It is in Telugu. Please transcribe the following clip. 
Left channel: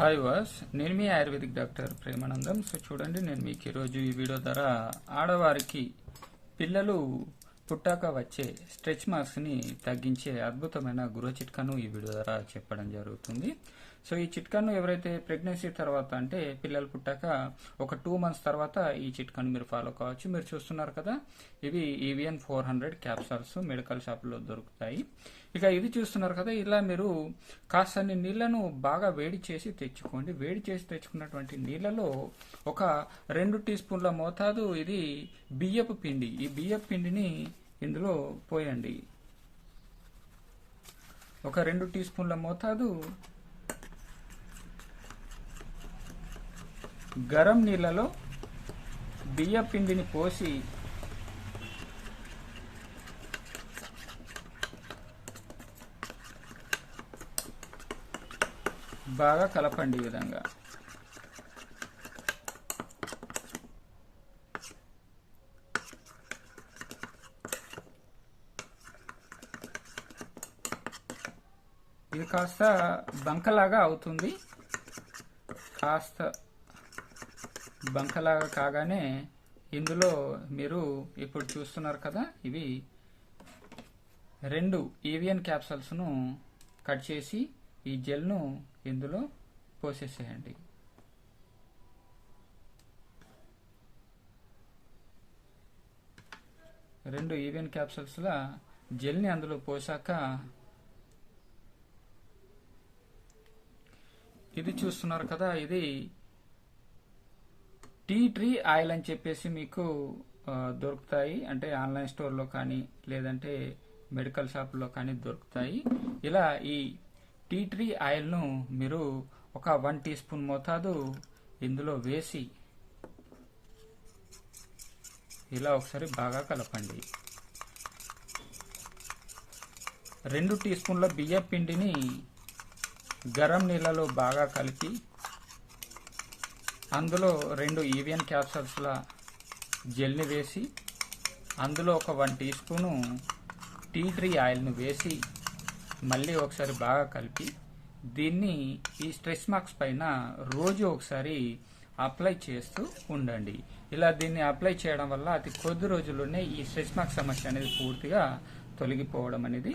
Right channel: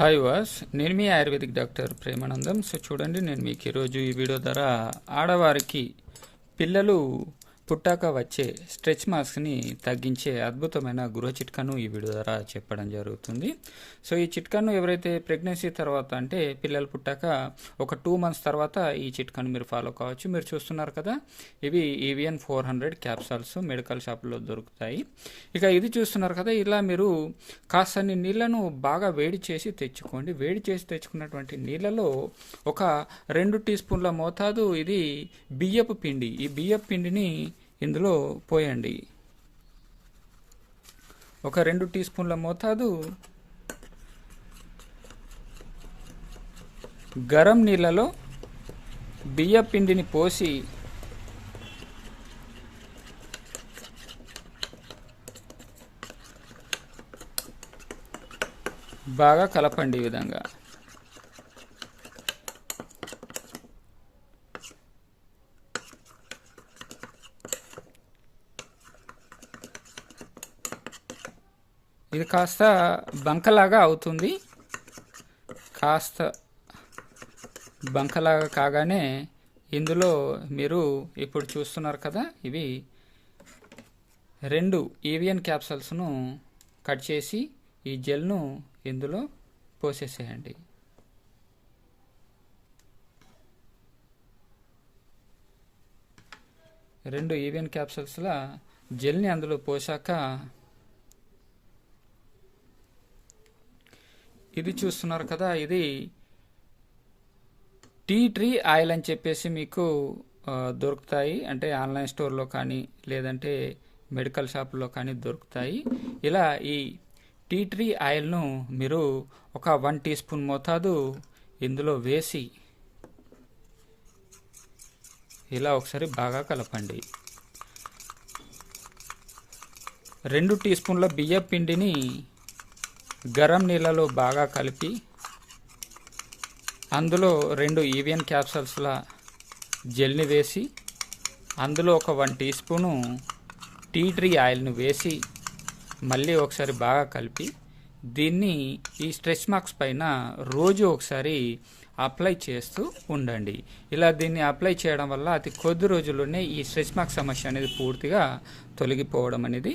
హాయ్ వాస్ నేను మీ ఆయుర్వేదిక్ డాక్టర్ ప్రేమానందం. సో చూడండి నేను మీకు ఈరోజు ఈ వీడియో ద్వారా ఆడవారికి పిల్లలు పుట్టాక వచ్చే స్ట్రెచ్ మార్క్స్ని తగ్గించే అద్భుతమైన గృహ చిట్కాను ఈ వీడియో ద్వారా చెప్పడం జరుగుతుంది. సో ఈ చిట్కాను ఎవరైతే ప్రెగ్నెన్సీ తర్వాత అంటే పిల్లలు పుట్టాక ఒక టూ మంత్స్ తర్వాత ఈ చిట్కాను మీరు ఫాలో కావచ్చు. మీరు చూస్తున్నారు కదా ఇవి Evion four hundred capsules medical షాప్లో దొరుకుతాయి. ఇక ఇది చూస్తున్నారు కదా ఇలా మీరు కాస్తని నీళ్ళను బాగా వేడి చేసి తెచ్చుకోండి. వేడి చేసి తెచ్చుకున్నటువంటి నీళ్ళలో ఒక రెండు టీ స్పూన్ల మోతాదు ఇది బియ్యపు పిండి. ఈ బియ్యపు పిండిని ఇందులో పోయండి. ఒక రెండు టీ స్పూన్ల మోతాదు గరం నీళ్ళలో బియ్య పిండిని పోసి బాగా కలపండి ఈ విధంగా. ఇది కాస్త బంకలాగా అవుతుంది. కాస్త బంకలాగా కాగానే ఇందులో మీరు ఇప్పుడు చూస్తున్నారు కదా ఇవి రెండు ఈవియన్ క్యాప్సల్స్ను కట్ చేసి ఈ జెల్ను ఇందులో పోసేసేయండి. రెండు ఈవియన్ క్యాప్సల్స్ల జెల్ని అందులో పోసాక ఇది చూస్తున్నారు కదా ఇది టీ ట్రీ ఆయిల్ అని చెప్పేసి మీకు దొరుకుతాయి. అంటే ఆన్లైన్ స్టోర్లో కానీ లేదంటే మెడికల్ షాప్లో కానీ దొరుకుతాయి. ఇలా ఈ టీ ట్రీ ఆయిల్ను మీరు ఒక వన్ టీ స్పూన్ మోతాదు ఇందులో వేసి ఇలా ఒకసారి బాగా కలపండి. రెండు టీ స్పూన్ల బియ్య పిండిని గరం నీళ్ళలో బాగా కలిపి అందులో రెండు ఈవియన్ క్యాప్సల్స్ల జెల్ని వేసి అందులో ఒక one teaspoon tea tree ఆయిల్ను వేసి మళ్ళీ ఒకసారి బాగా కలిపి దీన్ని ఈ స్ట్రెచ్ మార్క్స్ పైన రోజు ఒకసారి అప్లై చేస్తూ ఉండండి. ఇలా దీన్ని అప్లై చేయడం వల్ల అతి కొద్ది రోజుల్లోనే ఈ స్ట్రెచ్ మార్క్ సమస్య అనేది పూర్తిగా తొలగిపోవడం అనేది